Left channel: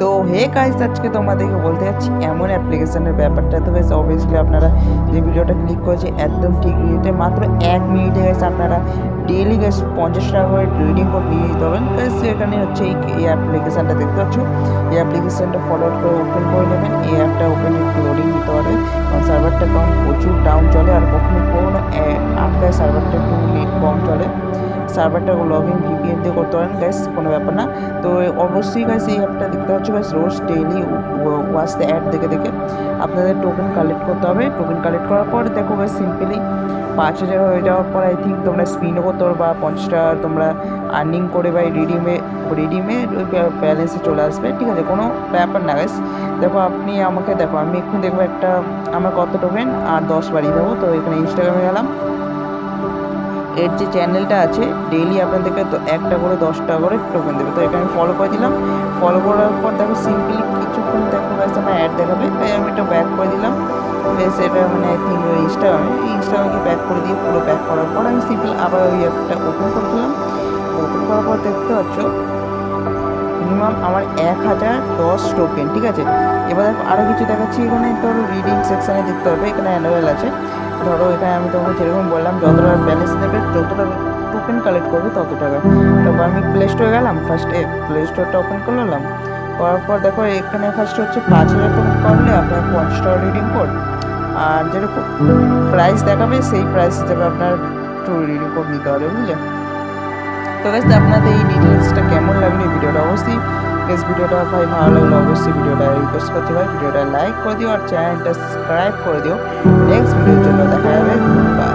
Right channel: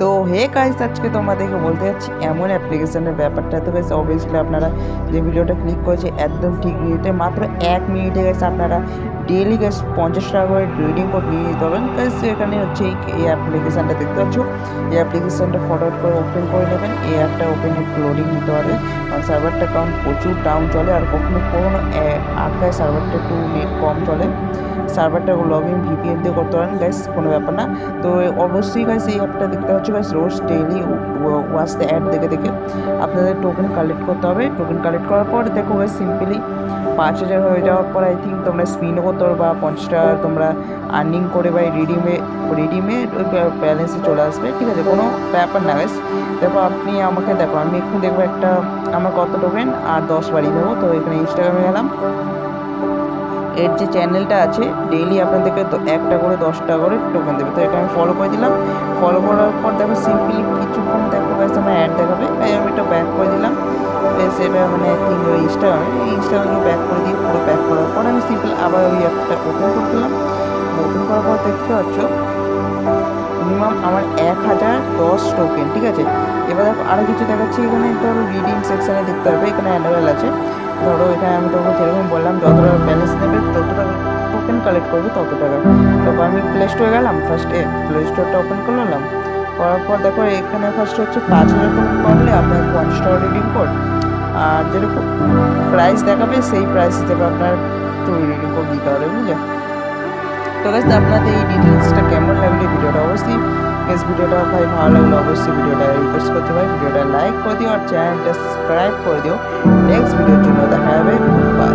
তো hey guys আজকে তোমাদেরকে বলতে যাচ্ছি, এমন অ্যাপ্লিকেশনের ব্যাপারটা তো বেশ অবভিয়াসলি আপনারা যে ভিডিওটা ক্লিক করেছে, একদম ঠিক মিনিটে মাত্র এক মিনিটে গেছে আপনারা ডেলি গ্যাস পঞ্চাশ টাকা করে রিডিং কোড নিয়ে নিতে পারবেন। গাইস এখানে হচ্ছে এই অ্যাপ্লিকেশানটা দেখতে পাচ্ছ। এই অ্যাপ্লিকেশানটা ফরওয়ার্ড করে ওপেন করে নেবেন। এই অ্যাপটা ওপেন একটু লোডিং নিতে পারবে কারণ সার্ভারটা কারণ প্রচুর ডাউন চলে, আর কখনো কখনো আটকায় সার্ভারটা একটু নেট কম চলে। সার্ভারটা লগ ভিপিএন দিয়ে করতে পারেন গাইস কোনো ব্যাপার না। তো অবশ্যই গাইস এই অ্যাপটা দেখতে পাচ্ছ গাইস রোজ ডেইলি ওয়াচ দ্য অ্যাড দেখে দেখে আপনাদের টোকেন কালেক্ট করতে হবে। টোকেন কালেক্ট করার পর দেখো গাইস সিম্পলি পাঁচ হাজার হয়ে যাওয়ার পর আই থিঙ্ক তোমরা স্পিনও করতে পারো বা পঞ্চাশ তোমরা আর্নিং করে বা রিডিমে রিডিমে ওই ব্যালেন্সে চলে আসবে। ঠিক আছে, কোনো ব্যাপার না গাইস দেখো, আপনি আমাকে দেখো, আমি এক্ষুনি দেখব একটা, আমার কত টোকেন আর দশ বাড়িয়ে দেবো। তো এখানে ইনস্টাগ্রামে গেলাম। এর যে চ্যানেলটা আছে ডেইলি আপনাদেরকে একটা করে, দশটা করে টোকেন দেবে। তো এটা আমি ফলো করে দিলাম। ফলো করার পর দেখো সিম্পলি কিছুক্ষণ দেখো গাইস আমার অ্যাড দেখাবে। তাই আমি এটা ব্যাক করে দিলাম। বেশ এটা মানে আই থিঙ্ক ওই ইনস্টাগ্রামে ইনস্টাগ্রামকে ব্যাক করে দিয়ে পুরো ব্যাক করার পর আমি সিম্পল আবার ওই অ্যাপটা ওপেন করে ফেললাম। ওপেন করার পর দেখতে পাচ্ছ মিনিমাম আমার এক হাজার দশ টোকেন ঠিক আছে? এবার দেখো আরও কিছু দেখাচ্ছি। এখানে ধরো রিডিং সেকশানে দেখতে পারবে, এখানে অ্যানুয়াল আছে। ধরো, এখানে আমি তোমাকে যেরকম বললাম যত টাকা ব্যালেন্স নেবে যত টাকা টোকেন কালেক্ট করবে তত টাকা তারপর আমি প্লে স্টোরে গেলাম ফার্স্টে প্লে স্টোরটা ওপেন করে করলাম করার পর দেখো, এখানে ফার্স্ট হচ্ছে পাঁচ হাজার টোকেন করলে আপনার পঞ্চাশ টাকা রিডিং কোড আর যেরকম প্রাইস দেখাবে, সেই প্রাইস হিসেবে আপনার টু রিডিং কোড দিতে হবে, বুঝলে? তো গাছ আপনাদের এই ডিটেলসটা কেমন লাগল ভিডিওটা? অবশ্যই গেস ভিডিওটা ভাই ভালো লাগল অবশ্যই ভিডিওটা রিকোয়েস্ট করতে ভাই, ভিডিওটা লাইক করে দিও আর চ্যানেলটা সাবস্ক্রাইব করে দিও। নেক্সট ভিডিওর জন্য দেখা যাবে গুড বাই